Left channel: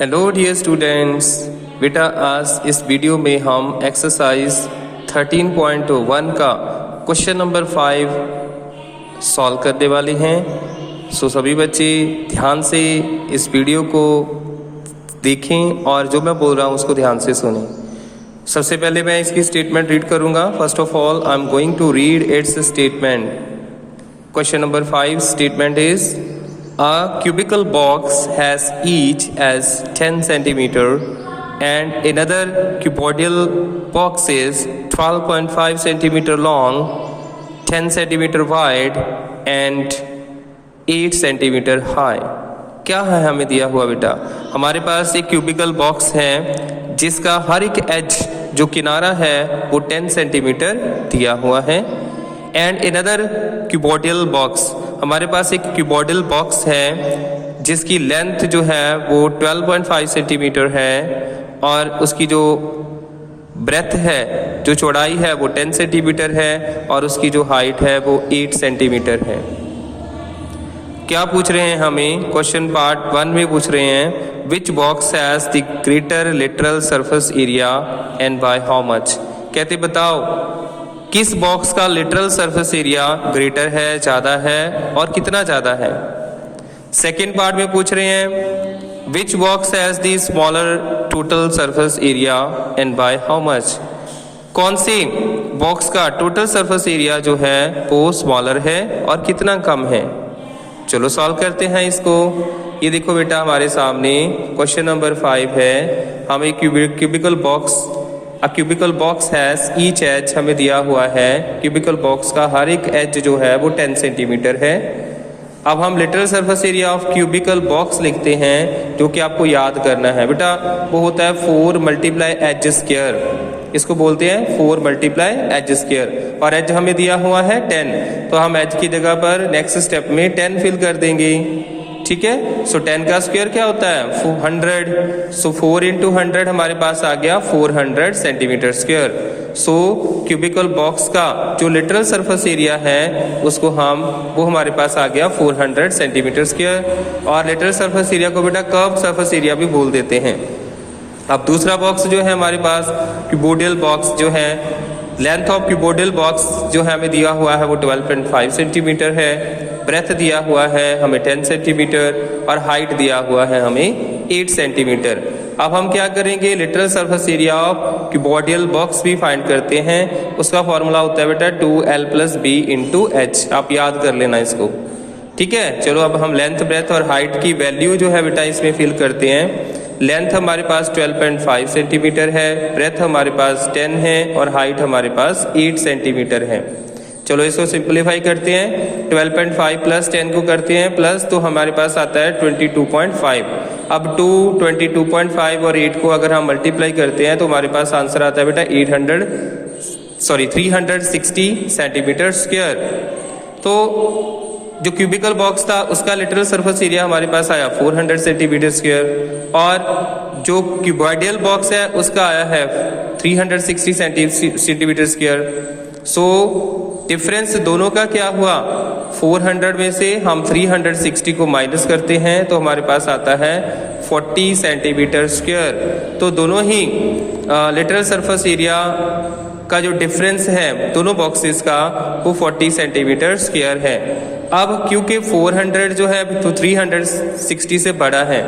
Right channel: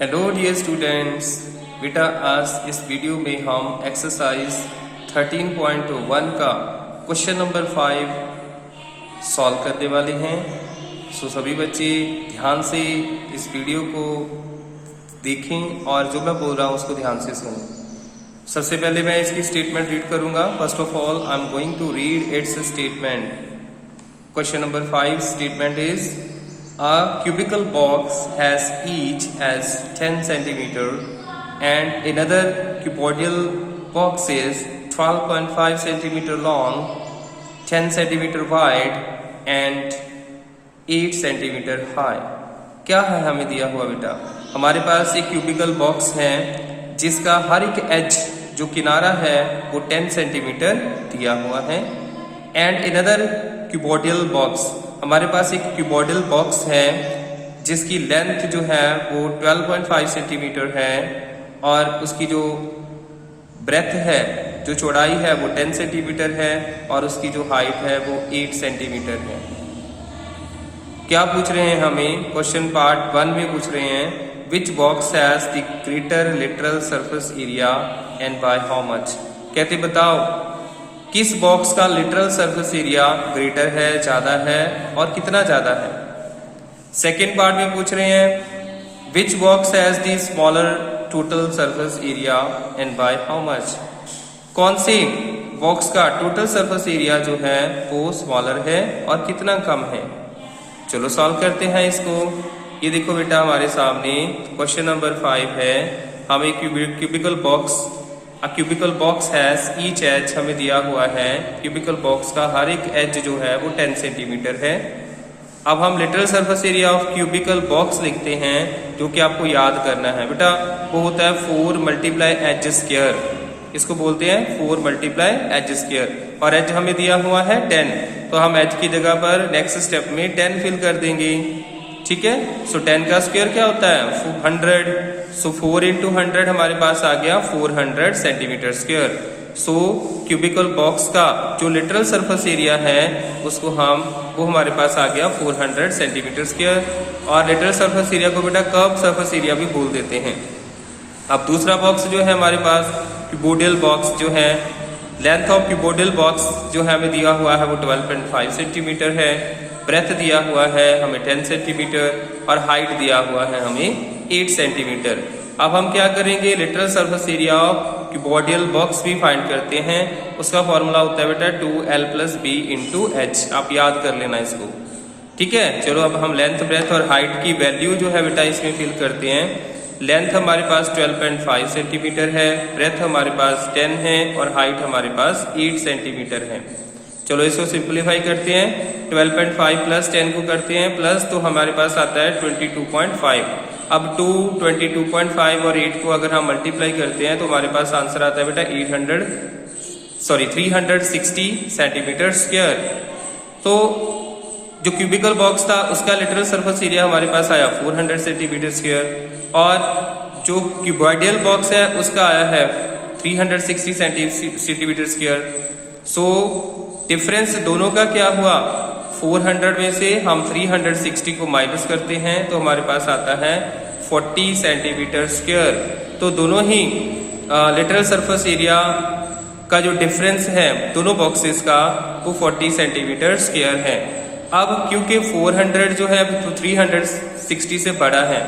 Hello dear students, बेटा आज इस वीडियो में हम एक्सरसाइज 13.1 का क्वेश्चन नंबर 5 सॉल्व करने वाले हैं। सो सभी बच्चे ध्यान से इस वीडियो को देखें और जो मैं बोल रहा हूँ उसको ध्यान से सुनें। सबसे पहले मैं इसकी स्टेटमेंट रीड करूँगा। First of all I am going to read its statement. Question number 5 statement is A cubical box has each as 10 centimeter and another cuboidal box is 12.5 centimeter long, 10 centimeter wide and 8 centimeter high। क्या है हमें दिया हुआ बेटा? हमारे पास एक cubicle box है जिसका हर एक एज जो किनारा है वो 10 सेंटीमीटर दिया हुआ है एंड अनदर क्यूबोइडल बॉक्स, हमारे पास एक क्यूबोइडल बॉक्स है जिसकी लेंथ जो है वो 12.5 सेंटीमीटर है और उसकी जो ब्रेथ है, जो चौड़ाई है वो 10 सेंटीमीटर है और उसकी जो हाइट है वो 8 सेंटीमीटर है। क्या पूछ रहे हैं हमें? क्वेश्चन पार्ट 1 में पूछ रहे हैं which box has the greater lateral surface area and by how much. कहते बताओ किस बॉक्स का लिटरल सरफेस एरिया ग्रेटर है, ज्यादा है और कितना ज्यादा है। सेकेंड पार्ट में पूछ रहे हैं which box has the smaller total surface area and by how much. कौन से बॉक्स का टोटल सरफेस एरिया जो है वो स्मॉलर है और कितना कम है। चलो सॉल्व करते हैं इसको। ये देखो बेटा हमारे सामने क्वेश्चन नंबर 5 है। हमें cubical box cubical box has each edge हमें दिया हुआ है। क्यूबिकल बॉक्स का हर एक एज जो है वो 10 सेंटीमीटर है। अब हम literal surface area of cubical box लिखते हैं जो कि आपको याद करना है बेटा। वो होता है 4 मल्टीप्लाई एज स्क्वायर, इसको बोलते हैं 4 मल्टीप्लाई एज स्क्वायर और एज हमें दिया हुआ है 10, तो हम एज की जगह पर नेक्स्ट स्टेप में 10 फिल कर देंगे। ठीक है, सो 10 का स्क्वायर क्या होता है 100, सो 4 इंटू 100 हमारे पास आ गया 400 सेंटीमीटर स्क्वायर। सो क्यूबिकल बॉक्स का जो लिटरल सरफेस एरिया है उसको वो हमारे पास आ गया 400 सेंटीमीटर स्क्वायर। और लिटरल सरफेस एरिया को बेटा कर्व सरफेस एरिया भी बोल देते हैं। अब दूसरा बॉक्स जो है हमारे पास क्यूबोइडल बॉक्स जो है, लेंथ ऑफ क्यूबोइडल बॉक्स जो है हमें दिया हुआ है वो 12.5 सेंटीमीटर है, ब्रेथ दिया हुआ है हमें 10 सेंटीमीटर और हाइट दिया हुआ है हमें 8 सेंटीमीटर। अब हम क्या करेंगे, literal surface area of cuboidal box भी फाइंड करते हैं। उसका फॉर्मूला होता है बेटा 2l + b × h। आप याद कर लेना इसको। ठीक है, चलो अब हम लेंथ, ब्रेथ और हाइट की वैल्यू जो है बेटा इसमें फिल करते हैं। लेंथ हमारे पास 12.5 सेंटीमीटर है, ब्रेथ हमारे पास 10 है और हाइट हमारे पास 8 सेंटीमीटर है। चलो इसको सिंपलीफाई करते हैं। 12.5 + 10 को करते हैं प्लस, तो हमारे पास आता है 22.5। अब 22.5 और 8 को अगर हम मल्टीप्लाई करते हैं तो हमारे पास आंसर आता है बेटा 360 सेंटीमीटर स्क्वायर। तो जो क्यूबिकल बॉक्स था उसका लिटरल सरफेस एरिया हमारे पास आया 400 सेंटीमीटर स्क्वायर और जो क्यूबोइडल बॉक्स है उसका आया है 360 सेंटीमीटर स्क्वायर। सो डिफरेंस दोनों का क्या हुआ, 400 में से हम 360 को माइनस करते हैं तो हमारे पास आता है 40 सेंटीमीटर स्क्वायर। तो दोनों ही लिटरल सरफेस एरिया का जो डिफरेंस है दोनों बॉक्सेस का वो 40 सेंटीमीटर स्क्वायर है। अब क्योंकि 400 जो है तो 360 से बड़ा है,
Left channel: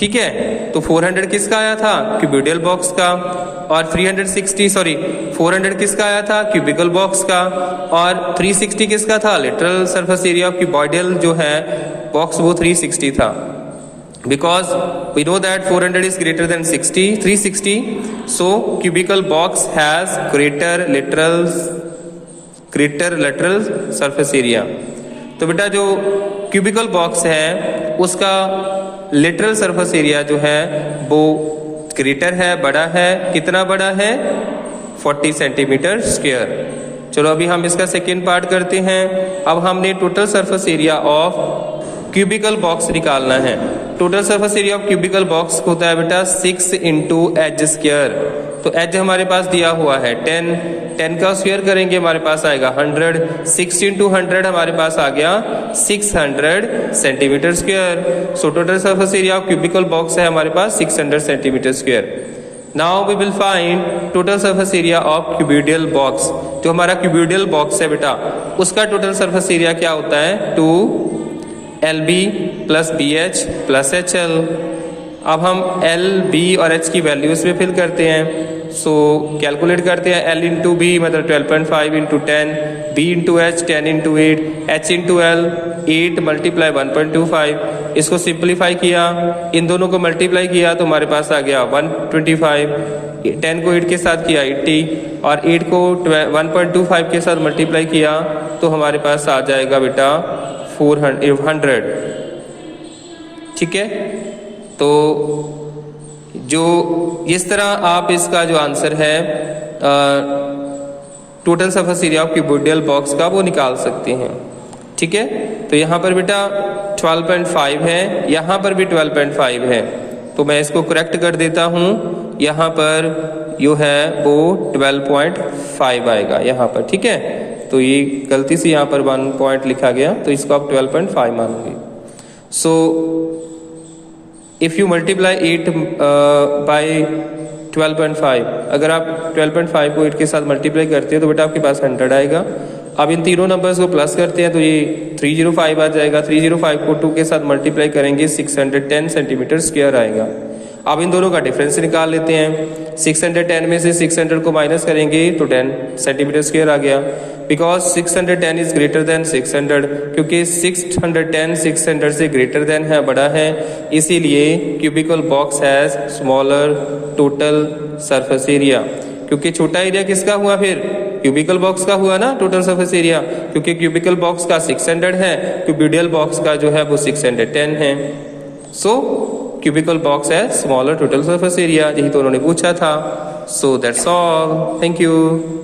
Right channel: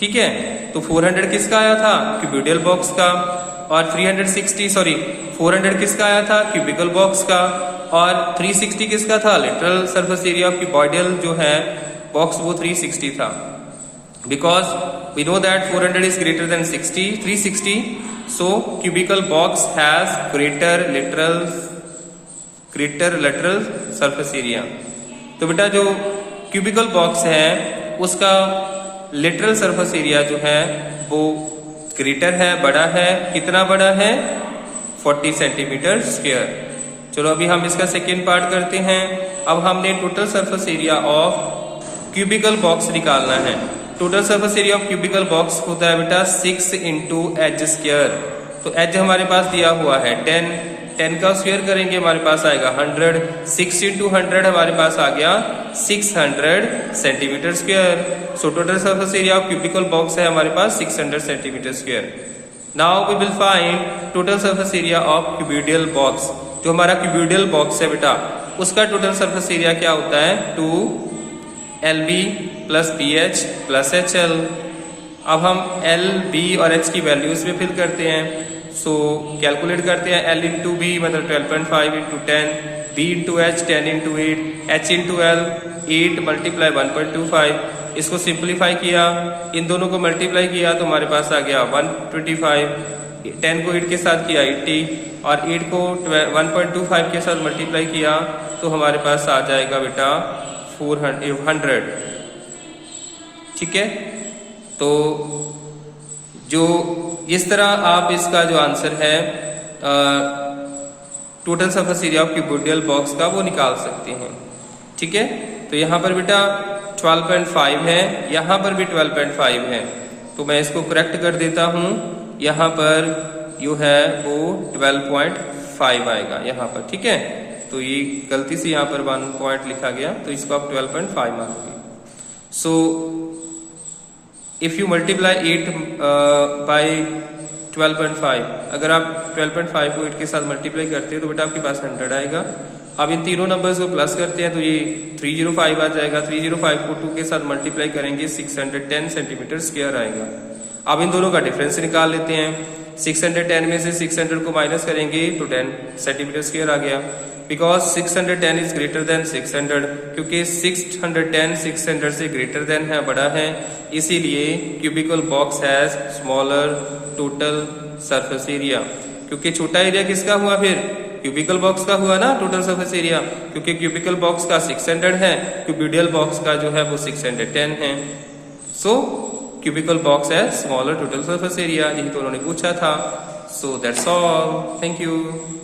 ठीक है, तो 400 किसका आया था, क्यूबोइडल बॉक्स का, और 400 किसका आया था, क्यूबिकल बॉक्स का, और 360 किसका था, lateral surface area of cuboidal जो है बॉक्स वो 360 था। Because we know that 400 is greater than 360, so cubical box has greater lateral surface area. तो बेटा जो क्यूबिकल बॉक्स है उसका लिटरल सरफेस एरिया जो है वो ग्रेटर है, बड़ा है। कितना बड़ा है, 40 सेंटीमीटर स्क्वायर। चलो अभी हम इसका सेकेंड पार्ट करते हैं। अब हमने total surface area of cubical box निकालना है। Total surface area of cubical box होता है बेटा 6 × एज स्क्वायर। तो एज हमारे पास दिया हुआ है 10 का स्क्वायर करेंगे हमारे पास आएगा 100, 6 इंटू 100 हमारे पास आ गया 600 centimetre square. So total surface area of cubical box है हमारे पास 600 centimetre square. Now we will find total surface area of cuboidal box. जो हमारा क्यूबिडियल बॉक्स है बेटा, उसका टोटल सरफेस एरिया क्या होता है 2LB plus BH plus HL। अब हम L, B और H की वैल्यूज पे फिल करते हैं। सो कैलकुलेट करते हैं। L इंटू बी मतलब 12.5 into 10, B into H 10 into 8, H into L 8 multiply 1.25। इसको सिंप्लीफाई किया, इन दोनों को मल्टीप्लाई किया तो हमारे पास आ गया 125। 10 को 8 के साथ किया 80 और 8 को 1.25 के साथ मल्टीप्लाई किया तो हमारे पास आ जाएगा बेटा 400। ठीक है, तो जो इस तरह आप इसका जो आंसर है total surface area of cuboidal box का वो निकाल सकते हैं। ठीक है, तो यहाँ पर बेटा 12.5 है, यहाँ पर भी 12.5 है, तो मैं इसको करेक्ट कर देता हूँ। यहाँ पर जो है वो 12.5 आएगा यहाँ पर। ठीक है, तो ये गलती से यहाँ पर 1 पॉइंट लिखा गया, तो इसको आप 12.5 मानोगे। So if you multiply 8 by 12.5, अगर आप 12.5 को 8 के साथ मल्टीप्लाई करते हैं तो बेटा आपके पास 100 आएगा। अब इन तीनों नंबर्स को प्लस करते हैं तो ये 305 आ जाएगा। 305 को 2 के साथ मल्टीप्लाई करेंगे 610 सेंटीमीटर स्क्वायर आएगा। अब इन दोनों का डिफरेंस निकाल लेते हैं। 610 में से 600 को माइनस करेंगे तो 10 सेंटीमीटर स्क्वायर आ गया। बिकॉज 610 इज ग्रेटर देन 600, क्योंकि 610 600 से ग्रेटर देन है, बड़ा है, इसीलिए cubicle box has smaller total surface area. क्योंकि छोटा एरिया किसका हुआ, फिर क्यूबिकल बॉक्स का हुआ ना टोटल सरफेस एरिया, क्योंकि क्यूबिकल बॉक्स का 600 है, क्यूबिडियल बॉक्स का जो है वो 610 है। सो क्यूबिकल बॉक्स है स्मॉलर टोटल सरफेस एरिया, यही तो उन्होंने पूछा था। So that's all, thank you.